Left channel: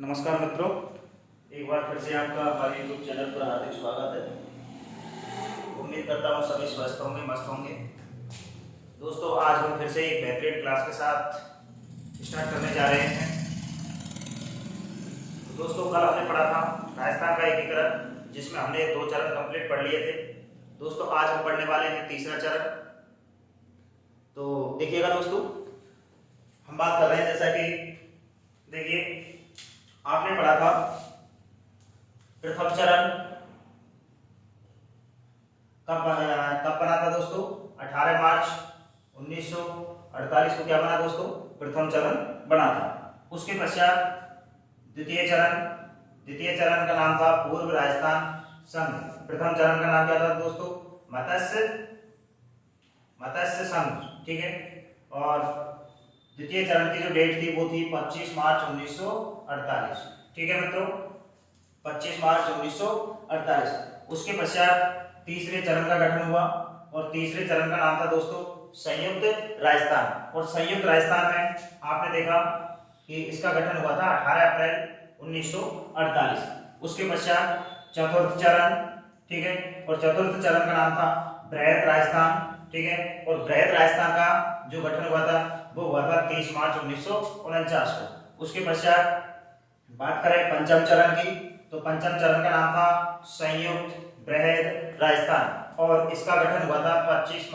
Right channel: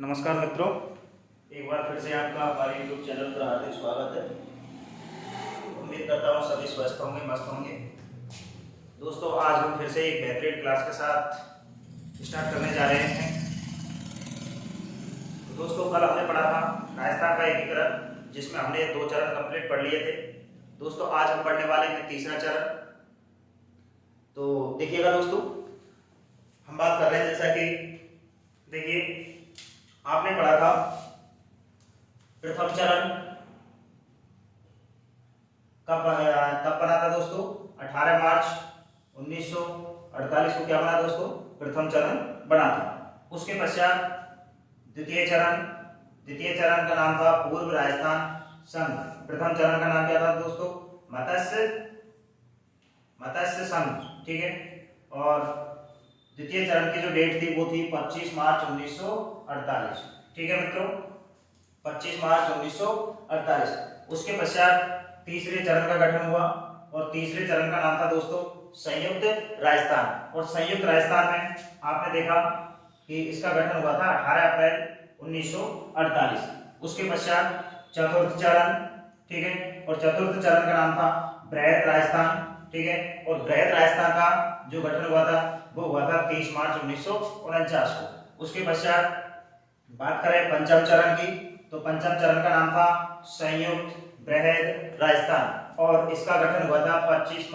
नमस्कार मित्रों, एक बार फिर से आपका हमारे यूट्यूब चैनल पर हार्दिक स्वागत है। उम्मीद करता हूँ सभी स्वस्थ होंगे, मस्त होंगे। दोस्तों, आज हम फिर से एक बेहतरीन क्लास के साथ स्टार्ट करने जा रहे हैं। तो दोस्तों, कल हमने पढ़ा था राजस्थान का एकीकरण, जिसमें हमने 2 चरण कंप्लीट पढ़ लिए थे। दोस्तों, आज हम पढ़ने वाले हैं तीसरा चरण। तो देखिएगा दोस्तों, हम बात कर रहे हैं जैसा कि देखिए, आपने पढ़ा था प्रथम चरण कब बना था दोस्तों? 18 मार्च 1948 को क्या बना दोस्तों? प्रथम चरण बना था। उसके पश्चात द्वितीय चरण का नाम था पूर्व राजस्थान संघ। प्रथम चरण का नाम क्या था दोस्तों? मत्स्य संघ, ठीक है। और द्वितीय चरण की जो डेट थी वो थी 25 मार्च 1948, ठीक है मित्रों, 25 मार्च 1948। उसके पश्चात तीसरे चरण का गठन हुआ और तीसरे चरण का नाम था दोस्तों संयुक्त राजस्थान। और संयुक्त राजस्थान में आपने देखा कि इसका गठन हुआ था 18 अप्रैल 1948। उसके पश्चात चतुर्थ चरण, ठीक है, और चतुर्थ चरण का नाम था बृहत राजस्थान, ठीक है। और बृहत राजस्थान का जो गठन हुआ था वो हुआ था 30 मार्च 1949 को। उसके पश्चात बात करें पंचम चरण की, तो पंचम चरण का नाम था संयुक्त बृहद राजस्थान और इसका गठन हुआ था 15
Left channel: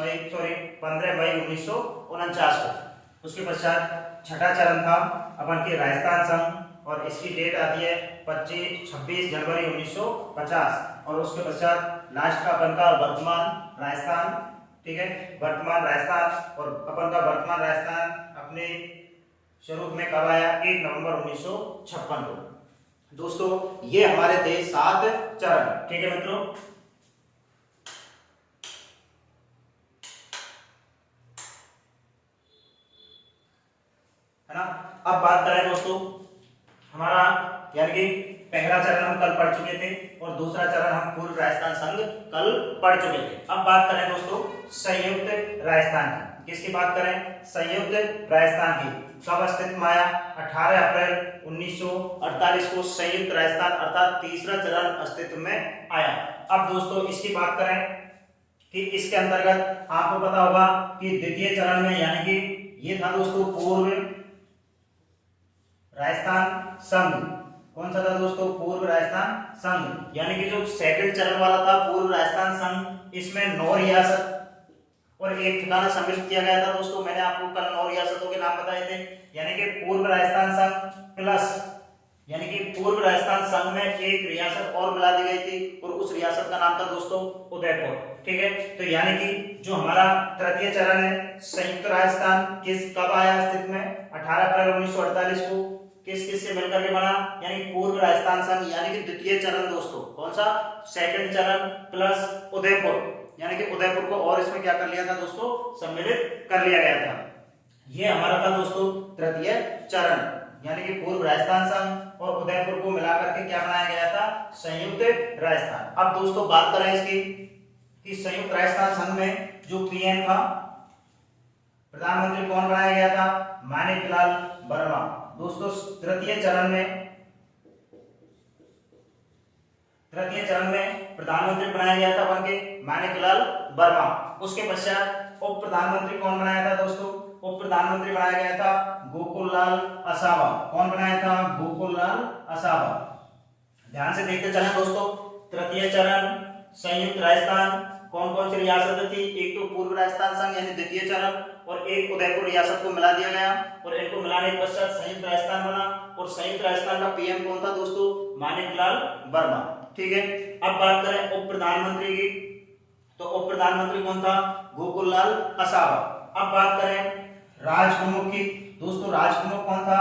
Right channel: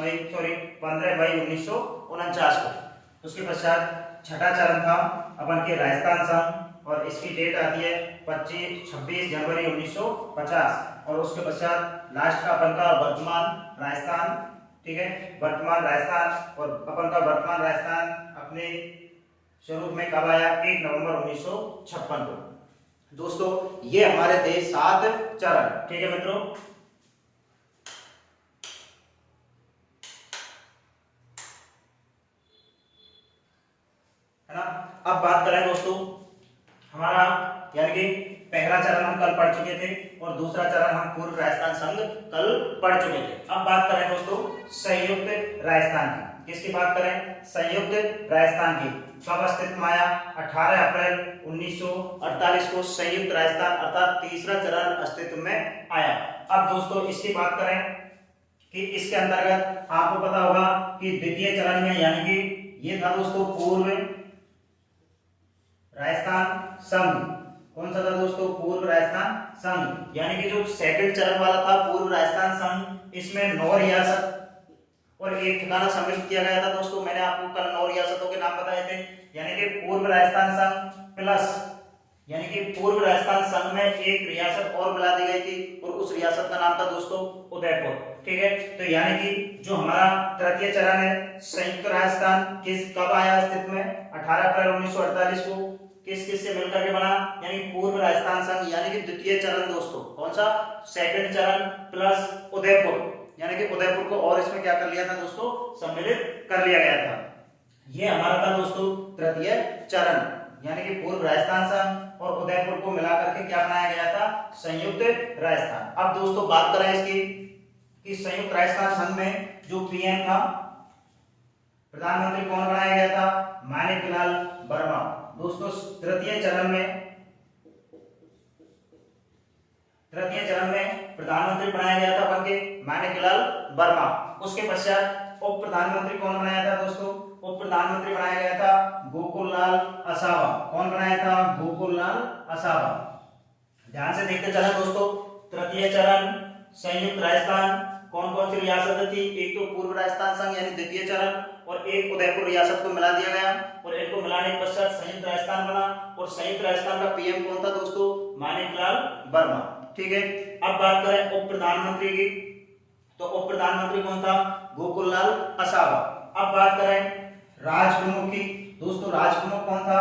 मई 1949 को। उसके पश्चात छठा चरण था अपन के राजस्थान संघ और इसकी डेट आती है 26 जनवरी 1950। और उसके पश्चात लास्ट का अपन का वर्तमान राजस्थान, ठीक है, वर्तमान राजस्थान। और अपन का वर्तमान राजस्थान अपने स्वरूप में कब आया? 1 नवंबर 1956 को। दोस्तों, ये हमारे थे 7 चरण, ठीक है मित्रों। है ना। अब बात करें दोस्तों, हमारा यानी कि पहला चरण हम कल पढ़ चुके थे और दूसरा चरण हम पूर्व राजस्थान संघ कल पढ़ चुके थे। अब बात करें दोस्तों संयुक्त राजस्थान की। किसकी बात करें? संयुक्त राजस्थान की। कब अस्तित्व में आया? 18 अप्रैल 1948 को संयुक्त राजस्थान अर्थात तीसरा चरण अस्तित्व में आया। अब दोस्तों इसकी बात करें कि इसके अंतर्गत आपको पता होगा कि द्वितीय चरण में यानी कि ये था दोस्तों पूर्व राजस्थान संघ। कौन सा था दोस्तों? पूर्व राजस्थान संघ। यानी कि जो सेकंड चरण वाला था पूर्व राजस्थान संघ, इसमें 9 रियासत और एक ठिकाना सम्मिलित किया गया था दोस्तों। मैंने आपको कल 9 रियासतों के नाम बताए थे। यानी कि पूर्व राजस्थान संघ प्लस यानी कि पूर्व राजस्थान संघ में एक रियासत और मिला दी गई थी और उस रियासत का नाम था दोस्तों उदयपुर, ठीक है। तो यानी कि जो हमारा तृतीय चरण है संयुक्त राजस्थान किस कब आया अस्तित्व में? 18 अप्रैल 1948 को। किस किस से मिलकर के बना? यानी पूर्व राजस्थान संघ यानी कि द्वितीय चरण दोस्तों। कौन सा? सेकंड चरण प्लस उदयपुर, यानी कि उदयपुर को और इसमें क्या कर लिया था दोस्तों? सम्मिलित कर लिया गया था। ये हमारा था दोस्तों तृतीय चरण, यानी कि पूर्व राजस्थान संघ और उदयपुर को मिलाकर के क्या बनाया गया था? संयुक्त राजस्थान। अब दोस्तों बात करें इसकी कि संयुक्त राजस्थान संघ में जो पीएम था, प्रधानमंत्री कौन बनाया गया था? माणिकलाल वर्मा। दोस्तों तृतीय चरण में प्रधानमंत्री बनाया गया था अपन के माणिकलाल वर्मा। उसके पश्चात उप प्रधानमंत्री कौन बनाया था दोस्तों? उप प्रधानमंत्री बनाया गया था गोकुललाल असावा। कौन बनाया था? गोकुललाल असावा। ध्यान से देखते चलें दोस्तों, तृतीय चरण संयुक्त राजस्थान कौन कौन सी रियासतें थी? एक तो पूर्व राजस्थान संघ यानी द्वितीय चरण और एक उदयपुर रियासत को मिला दिया गया और इनको मिलाने के पश्चात संयुक्त राजस्थान बना। और संयुक्त राजस्थान का पीएम कौन था दोस्तों? माणिकलाल वर्मा, ठीक है। अब बात करें उप प्रधानमंत्री की, तो उप प्रधानमंत्री कौन था? गोकुललाल असावा। अब बात करें राज प्रमुख की, दोस्तों राज प्रमुख कौन था?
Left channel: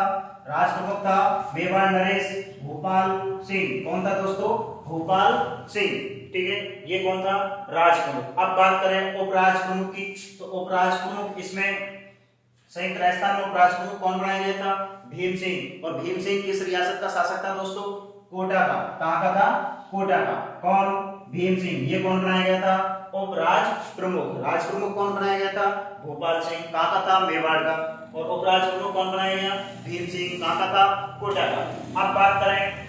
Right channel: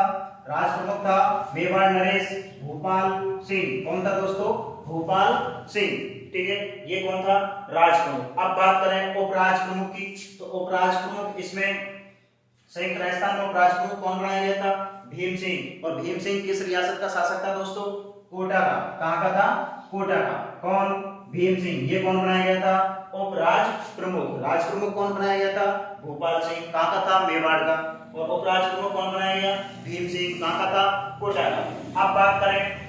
राज प्रमुख था मेवाड़ नरेश भूपाल सिंह। कौन था दोस्तों? भूपाल सिंह, ठीक है। ये कौन था? राज प्रमुख। अब बात करें उपराज प्रमुख की, तो उपराज प्रमुख इसमें संयुक्त राजस्थान में उपराज प्रमुख कौन बनाया गया था? भीम सिंह। और भीम सिंह किस रियासत का शासक था दोस्तों? कोटा का। कहां का था? कोटा का। कौन? भीम सिंह। ये कौन बनाया गया था? उपराज प्रमुख। राज प्रमुख कौन बनाया गया था? भोपाल सिंह। कहां का था? मेवाड़ का। और उपराज प्रमुख कौन बनाया गया? भीम सिंह। कहाँ का था? कोटा का। अब बात करें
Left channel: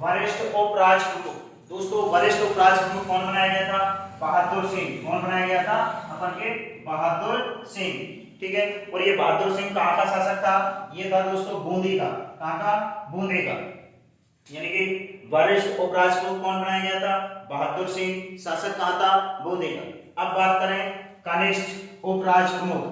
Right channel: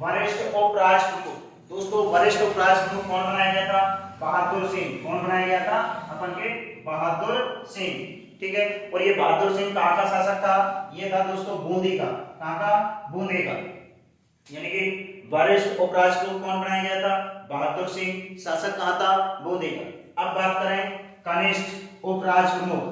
वरिष्ठ उपराज प्रमुख। दोस्तों वरिष्ठ उपराज प्रमुख कौन बनाया गया था? बहादुर सिंह। कौन बनाया गया था? अपन के बहादुर सिंह। ठीक है। और ये बहादुर सिंह कहाँ का शासक था? ये था दोस्तों बूंदी का। कहाँ का? बूंदी का। यानी कि वरिष्ठ उपराज प्रमुख कौन बनाया गया था? बहादुर सिंह। शासक कहाँ था? बूंदी का। अब बात करें कनिष्ठ उपराज प्रमुख।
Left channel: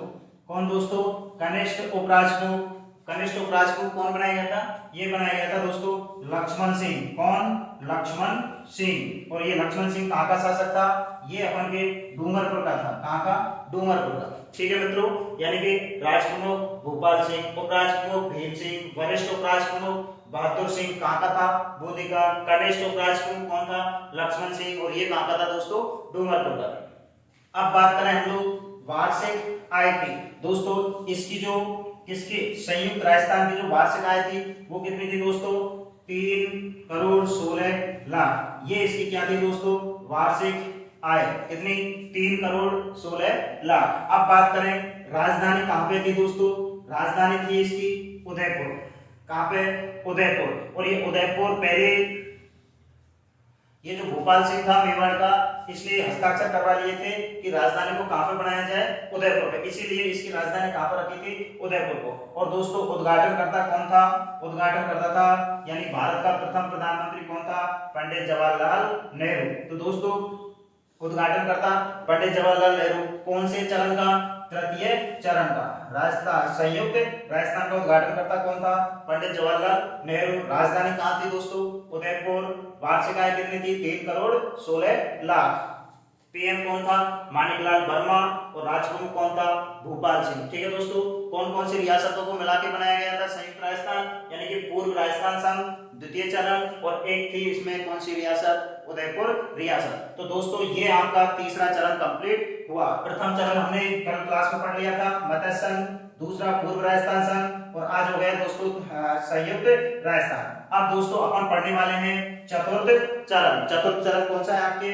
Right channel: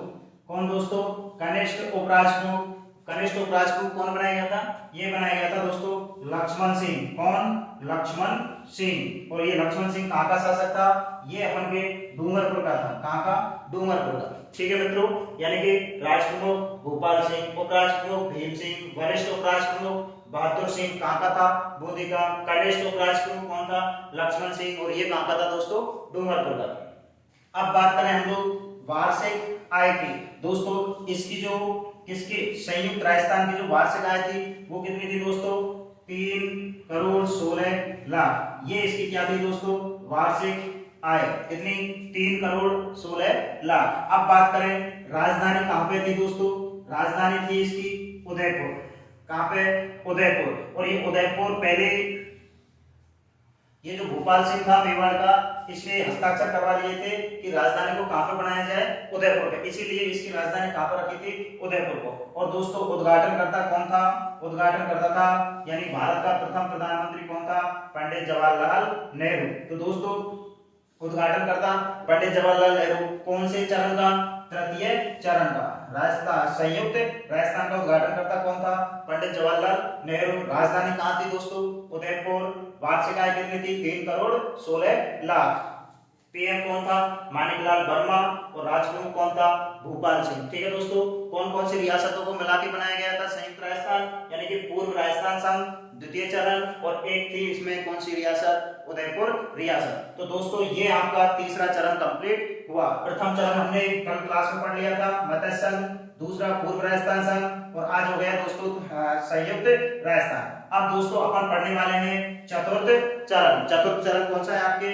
कौन दोस्तों? कनिष्ठ उपराज प्रमुख। कनिष्ठ उपराज प्रमुख कौन बनाया गया था? ये बनाया गया था दोस्तों लक्ष्मण सिंह। कौन? लक्ष्मण सिंह। और ये लक्ष्मण सिंह कहाँ का शासक था? ये अपन के डूंगरपुर का था। कहाँ का? डूंगरपुर का। ठीक है मित्रों। यानी कि राज प्रमुख भोपाल सिंह, उपराज प्रमुख भीम सिंह, वरिष्ठ उपराज प्रमुख बहादुर सिंह। कहाँ का था? बूंदी का। कनिष्ठ उपराज प्रमुख कौन था? लक्ष्मण सिंह। और ये कहाँ का था दोस्तों? डूंगरपुर का। अब बात करें हम लोग वार्षिक आय की। दोस्तों इसकी जो किसकी संयुक्त राजस्थान की जो वार्षिक आय थी वो कितनी थी दोस्तों? 3,16,00,000। ये इसकी क्या थी दोस्तों? वार्षिक आय कितनी? 3,16,00,000। अब बात करें राजधानी कहाँ पे थी दोस्तों? राजधानी थी इसकी उदयपुर। कहाँ पे? उदयपुर। और ये उदयपुर पहले ये जो भोपाल सिंह था मेवाड़ का, इसलिए हस्ताक्षर करवा लिए थे कि राजधानी को कहां पर बनाया जाए? उदयपुर पे। इसीलिए इसकी राजधानी कहां पर रखी थी? उदयपुर को। और दोस्तों उद्घाटनकर्ता कौन था? उद्घाटनकर्ता था यानी भारत का प्रथम प्रधानमंत्री कौन था? पंडित जवाहरलाल नेहरू। तो दोस्तों उद्घाटनकर्ता पंडित जवाहरलाल नेहरू। कौन से चरण का? तृतीय चरण का। राजस्थान संयुक्त राजस्थान का उद्घाटनकर्ता कौन था? पंडित जवाहरलाल नेहरू। राजधानी कहाँ थी दोस्तों? उदयपुर। वार्षिक आय कितनी थी? 3,16,00,000। पीएम कौन था? माणिकलाल वर्मा। और राजप्रमुख कौन था? भोपाल सिंह। ठीक है दोस्तों। कौन कौन सी रियासतों को मिला के बनाया गया था संयुक्त राजस्थान? यानी कि पूर्व राजस्थान संघ द्वितीय चरण, और एक थी इसमें कौन सी रियासत? उदयपुर रियासत। तो दोस्तों ये आपका तीसरा चरण कंप्लीट हुआ। प्रथम चरण हमने कल क्लास में पढ़ लिया था मत्स्य संघ, दूसरा पूर्व राजस्थान संघ, और आज हो गया दोस्तों संयुक्त राजस्थान। अब दोस्तों अपन पढ़ने वाले हैं चतुर्थ चरण। चतुर्थ चरण कौन सा है आपके?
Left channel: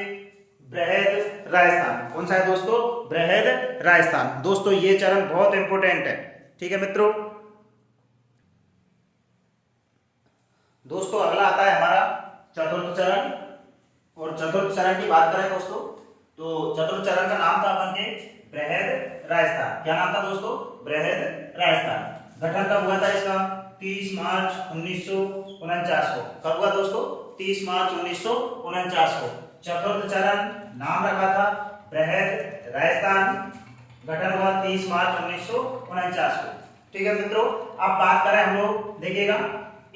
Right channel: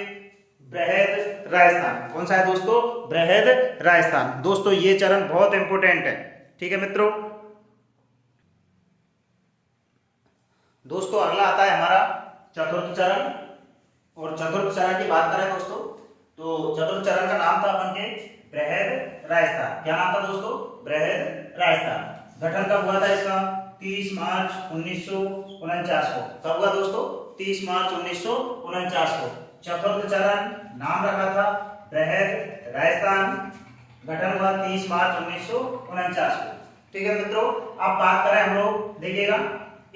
बृहद राजस्थान। कौन सा है दोस्तों? बृहद राजस्थान। दोस्तों ये चरण बहुत इंपोर्टेंट है। ठीक है मित्रों। दोस्तों अगला आता है हमारा चतुर्थ चरण। और चतुर्थ चरण की बात करें दोस्तों तो चतुर्थ चरण का नाम था अपन के बृहद राजस्थान। क्या नाम था दोस्तों? बृहद राजस्थान। गठन कब हुआ था इसका? 30 मार्च 1949 को। कब हुआ दोस्तों? 30 मार्च 1949 को। चतुर्थ चरण नाम रखा था बृहद राजस्थान। गठन हुआ 30 मार्च 1949 को। ठीक है मित्रों। अब बात करें हम लोग, देखिएगा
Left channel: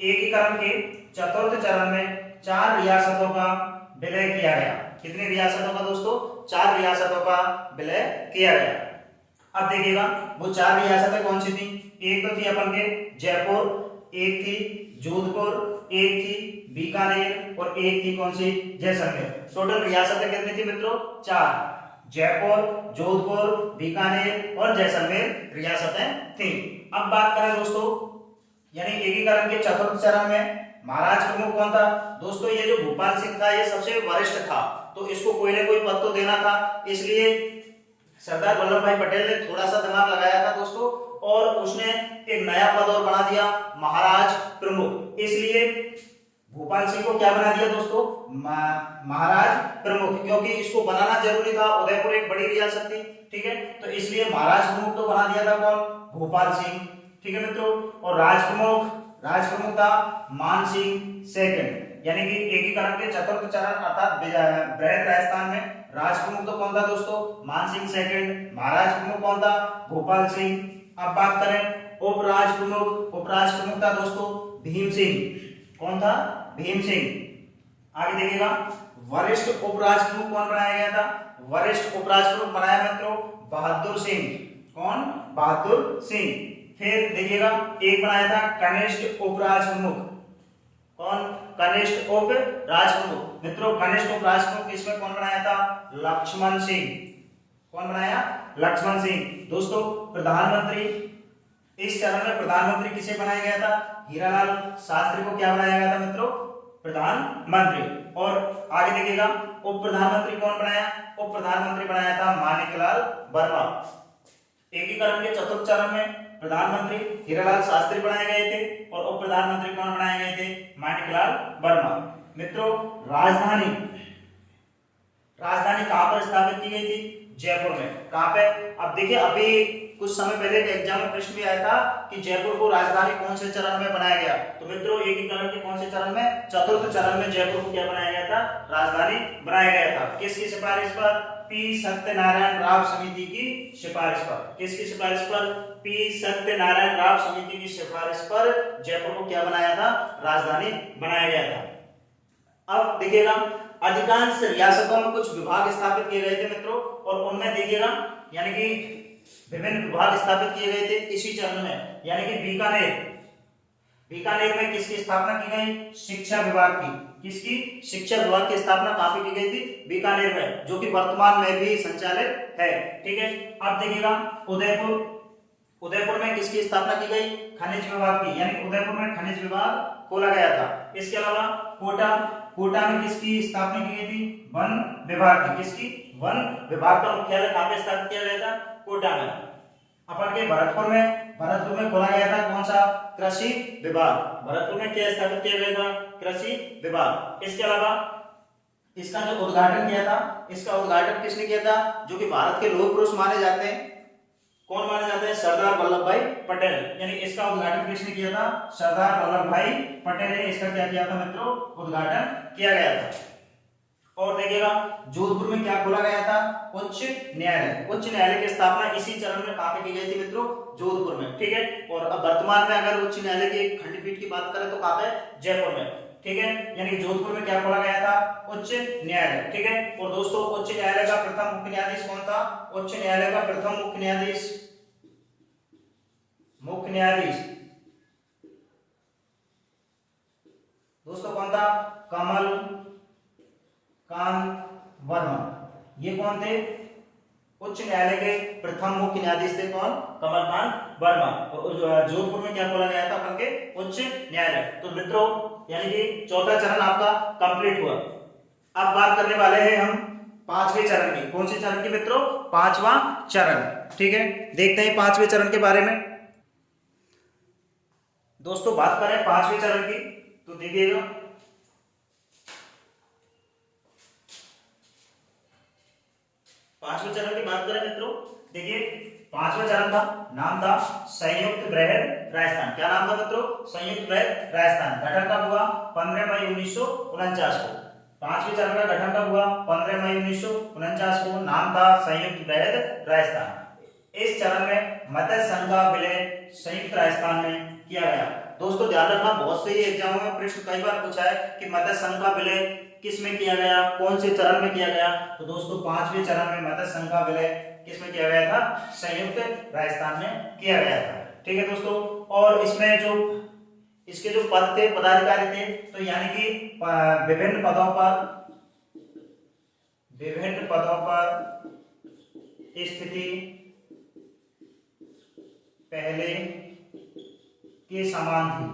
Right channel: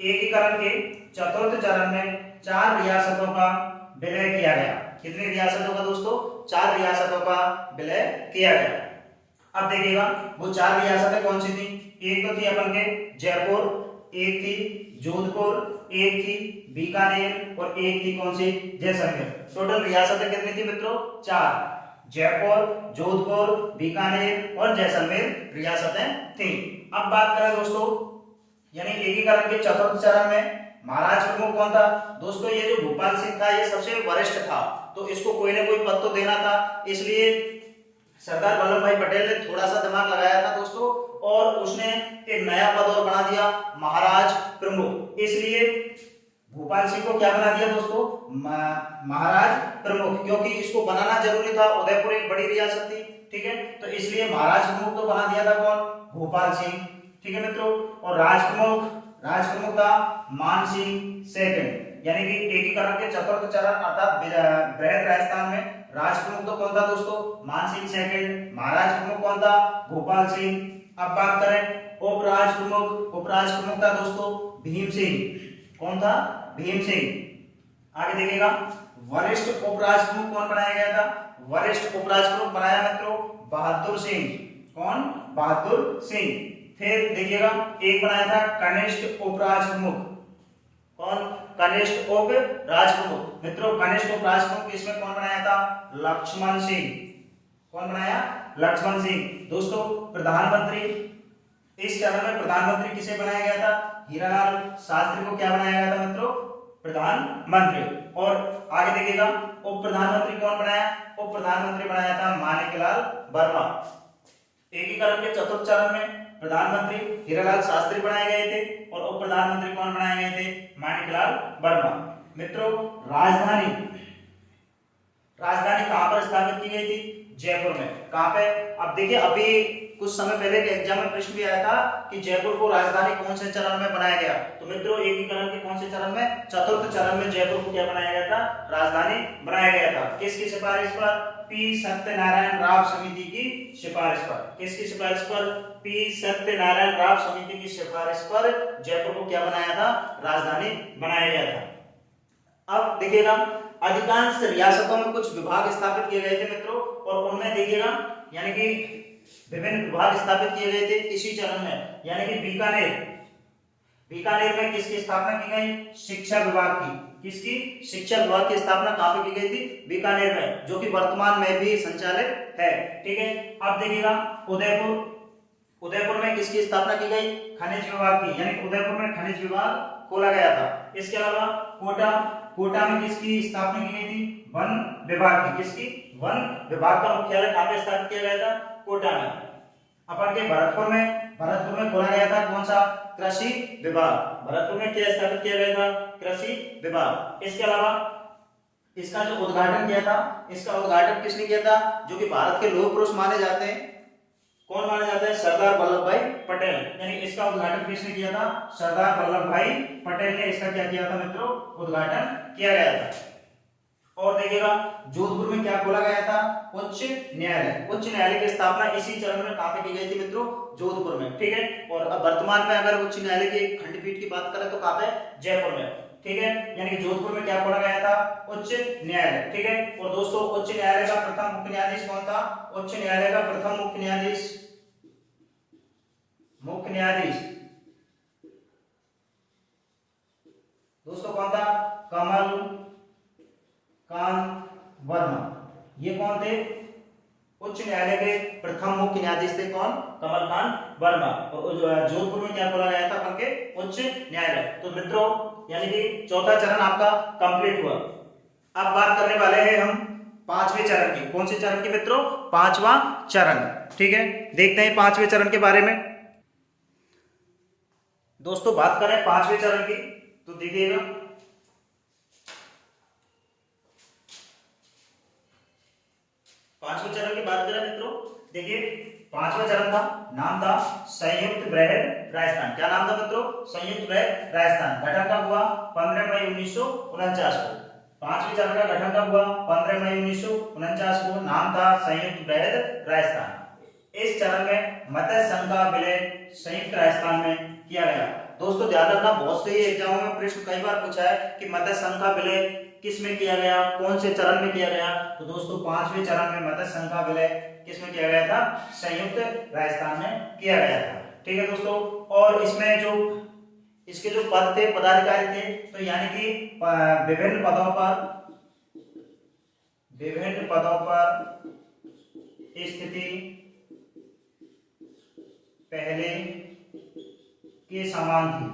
एकीकरण के चतुर्थ चरण में 4 रियासतों का विलय किया गया। कितनी रियासतों का दोस्तों? 4 रियासतों का विलय किया गया। अब देखिएगा वो 4 रियासतें कौन सी थी? एक तो थी अपन के जयपुर, एक थी जोधपुर, एक थी बीकानेर, और एक थी कौन सी? जैसलमेर। टोटल रियासतें कितनी थी मित्रों? 4। जयपुर, जोधपुर, बीकानेर और जैसलमेर रियासतें थी। अब बात करें दोस्तों यानी एकीकरण के चतुर्थ चरण में महाराज प्रमुख कौन था? दोस्तों ये जो भोपाल सिंह था ये सबसे वरिष्ठ था, तो इसको कोई ना कोई पद तो देना था। इसलिए सरदार वल्लभ भाई पटेल ने थोड़ा सा दिमाग लगाया था दोस्तों, और उसने एक नया पद और बना दिया महाराज प्रमुख। इसलिए भोपाल सिंह को क्या बना दिया दोस्तों? महाराज प्रमुख, क्योंकि इसको बनाना जरूरी था। उदयपुर एक बड़ी रियासत थी। ठीक है। तो इसलिए महाराज प्रमुख तो बना दिया था कौन? भोपाल सिंह। ठीक है मित्रों। और राज प्रमुख था मान सिंह सेकंड। यानी कि एकीकरण के चतुर्थ चरण अर्थात बृहद राजस्थान में राज प्रमुख तो कौन था दोस्तों? मान सिंह सेकंड। महाराज प्रमुख कौन था? भोपाल सिंह। अब बात करें उपराज प्रमुख। उपराज प्रमुख था दोस्तों भीम सिंह। कौन था? भीम सिंह। आगे देखिएगा वरिष्ठ उपराज प्रमुख कौन बनाया गया था? वरिष्ठ उपराज प्रमुख बनाया मित्रों बहादुर सिंह। कौन? बहादुर सिंह। फिर देखिएगा एक बनाया था कनिष्ठ उपराज प्रमुख। कौन? कनिष्ठ उपराज प्रमुख। मित्रों कनिष्ठ उपराज प्रमुख इसमें कौन बनाया था? लक्ष्मण सिंह। कौन बनाया? लक्ष्मण सिंह। दोस्तों प्रधानमंत्री, इस चरण में प्रधानमंत्री किसे बनाया गया था? हीरालाल शास्त्री को क्या बनाया गया था मित्रों? प्रधानमंत्री। और आगे देखिएगा उप प्रधानमंत्री कौन बनाया? उप प्रधानमंत्री बनाया था माणिकलाल वर्मा। एकीकरण के चतुर्थ चरण में प्रधानमंत्री हीरालाल शास्त्री बनाए गए थे और उप प्रधानमंत्री कौन बनाए गए थे? माणिकलाल वर्मा। मित्रों, राजधानी राजधानी कहां पर स्थापित की गई थी? जयपुर में। कहां पे? अब देखिए, अभी कुछ समय पहले के एग्जाम में प्रश्न भी आया था कि जयपुर को राजधानी कौन से चरण में बनाया गया? तो मित्रों, एकीकरण के कौन से चरण में? चतुर्थ चरण में जयपुर को क्या बनाया गया था? राजधानी बनाया गया था। किसकी सिफारिश पर? पी सत्यनारायण राव समिति की सिफारिश पर। किसकी सिफारिश पर? पी सत्यनारायण राव समिति की सिफारिश पर जयपुर को क्या बनाया था? राजधानी बनाया गया था। अब देखिएगा, अधिकांश रियासतों में कुछ विभाग स्थापित किए गए थे मित्रों, और उनमें देखिएगा यानी कि विभिन्न विभाग स्थापित किए गए थे इसी चरण में। यानी कि बीकानेर में किसकी स्थापना की गई? शिक्षा विभाग की। किसकी? शिक्षा विभाग की स्थापना कहां पे की गई थी? बीकानेर में, जो कि वर्तमान में भी संचालित है। ठीक है। अब देखिएगा, उदयपुर में किसकी स्थापना की गई? खनिज विभाग की। यानी उदयपुर में खनिज विभाग खोला गया था। इसके अलावा कोटा में किसकी स्थापना की गई थी? वन विभाग की। किसकी? वन विभाग का मुख्यालय कहां पे स्थापित किया गया था? कोटा में। अपन के भरतपुर में खोला गया था कौन सा? कृषि विभाग। भरतपुर में क्या स्थापित किया गया था? कृषि विभाग। इसके अलावा इसका जो उद्घाटन किया था, इसका उद्घाटन किसने किया था? जो कि भारत के लौह पुरुष माने जाते हैं। कौन माने जाते हैं? सरदार वल्लभ भाई पटेल। यानी इसका उद्घाटन किसने किया था? सरदार वल्लभ भाई पटेल ने इसका क्या किया था मित्रों? उद्घाटन किया गया था। और देखिएगा, जोधपुर में क्या खोला गया था? उच्च न्यायालय। उच्च न्यायालय की स्थापना इसी चरण में कहां पे की गई थी मित्रों? जोधपुर में। ठीक है। और अब वर्तमान में अगर उच्च न्यायालय की खंडपीठ की बात करें तो कहां पे? जयपुर में। ठीक है। यानी जोधपुर में क्या खोला गया था? उच्च न्यायालय। ठीक है। और दोस्तों, उच्च न्यायालय का प्रथम मुख्य न्यायाधीश कौन था? उच्च न्यायालय का प्रथम मुख्य न्यायाधीश दोस्तों कौन था? कमल कांत वर्मा। ये कौन थे? उच्च न्यायालय के प्रथम मुख्य न्यायाधीश थे। कौन? कमलकांत वर्मा। और जोधपुर में क्या खोला गया था? अपन के उच्च न्यायालय। तो मित्रों, यानी कि चौथा चरण आपका कंप्लीट हुआ। अब बात करने वाले हैं हम पांचवें चरण की। कौन से चरण की मित्रों? पांचवा चरण। ठीक है। देखते हैं पांचवें चरण के बारे में। दोस्तों, बात करें पांचवें चरण की तो देखिएगा, पांचवें चरण की बात करें मित्रों, देखिए पांचवा चरण था, नाम था संयुक्त बृहद राजस्थान। क्या नाम था मित्रों? संयुक्त बृहद राजस्थान। गठन कब हुआ? 15 मई 1949 को। पांचवें चरण का गठन कब हुआ? 15 मई 1949 को। नाम था संयुक्त बृहद राजस्थान। इस चरण में मत्स्य संघ का विलय संयुक्त राजस्थान में किया गया। दोस्तों ध्यान रखना, बहुत से एग्जामों में प्रश्न कई बार पूछा है कि मत्स्य संघ का विलय किस में किया गया, कौन से चरण में किया गया? तो दोस्तों पांचवें चरण में मत्स्य संघ का विलय किस में किया गया था? संयुक्त राजस्थान में किया गया था। ठीक है दोस्तों। और इसमें जो इसके जो पद थे, पदाधिकारी थे, तो यानी कि विभिन्न पदों पर स्थिति पहले के समान थी।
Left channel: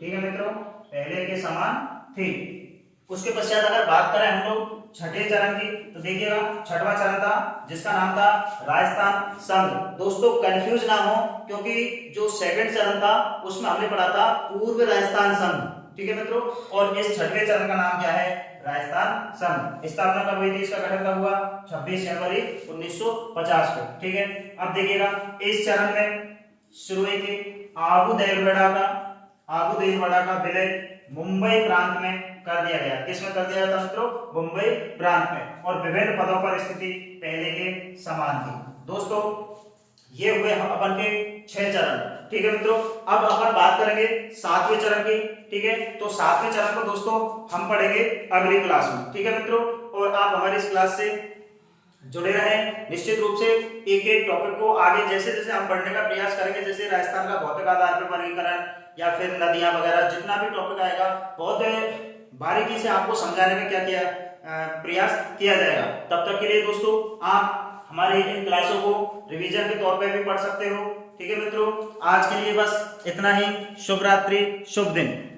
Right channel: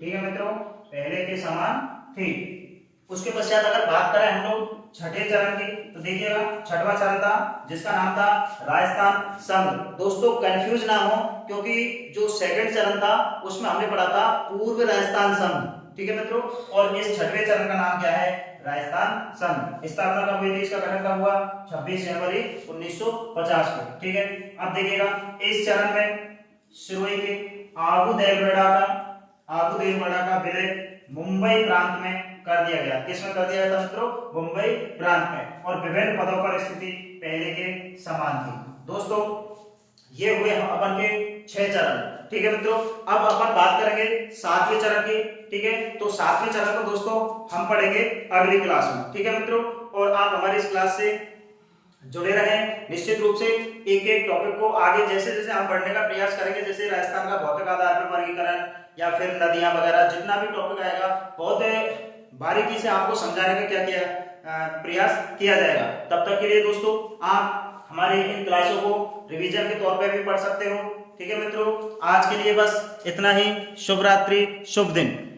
ठीक है मित्रों, पहले के समान थी। उसके पश्चात अगर बात करें हम लोग छठे चरण की तो देखिएगा, छठवां चरण था जिसका नाम था राजस्थान संघ। दोस्तों कंफ्यूज ना हो, क्योंकि जो सेकंड चरण था उसमें हमने पढ़ा था पूर्व राजस्थान संघ। ठीक है मित्रों। और इस छठवें चरण का नाम क्या है? राजस्थान संघ। स्थापना कब हुई थी? इसका गठन कब हुआ? 26 जनवरी 1950 को। ठीक है। अब देखिएगा, इस चरण में शुरू हुई थी आबू देलवाड़ा का विलय मुंबई प्रांत में कर दिया गया। किसमें कर दिया था मित्रों? मुंबई प्रांत में। और विभिन्न पदों पर स्थिति पहले के समान थी। दोस्तों ये हुए अपन के 6 चरण। ठीक है मित्रों। अब अपन बात करेंगे 7वें चरण की। ठीक है। तो 7वें चरण को दोस्तों हम पढ़ेंगे अगली क्लास में। ठीक है मित्रों। और आप हमारी इस क्लास से जुड़े रहें। निश्चित रूप से एक एक टॉपिक को आगे जैसे जैसे हम पढ़ने का प्रयास करेंगे, जैसे राजस्थान का भौतिक आधार पर वर्गीकरण या फिर नदियां वगैरह, जितना भी टॉपिक आएगा बहुत बारीकी से आपको समझाने में क्या किया प्रयास किया जाएगा। तब तक के लिए दोस्तों आप हमारी इन क्लासों को रिवीजन के तौर पर भी पढ़ सकते हो। ठीक है मित्रों, आज के लिए बस इतना ही। शुभ रात्रि, शुभ दिन।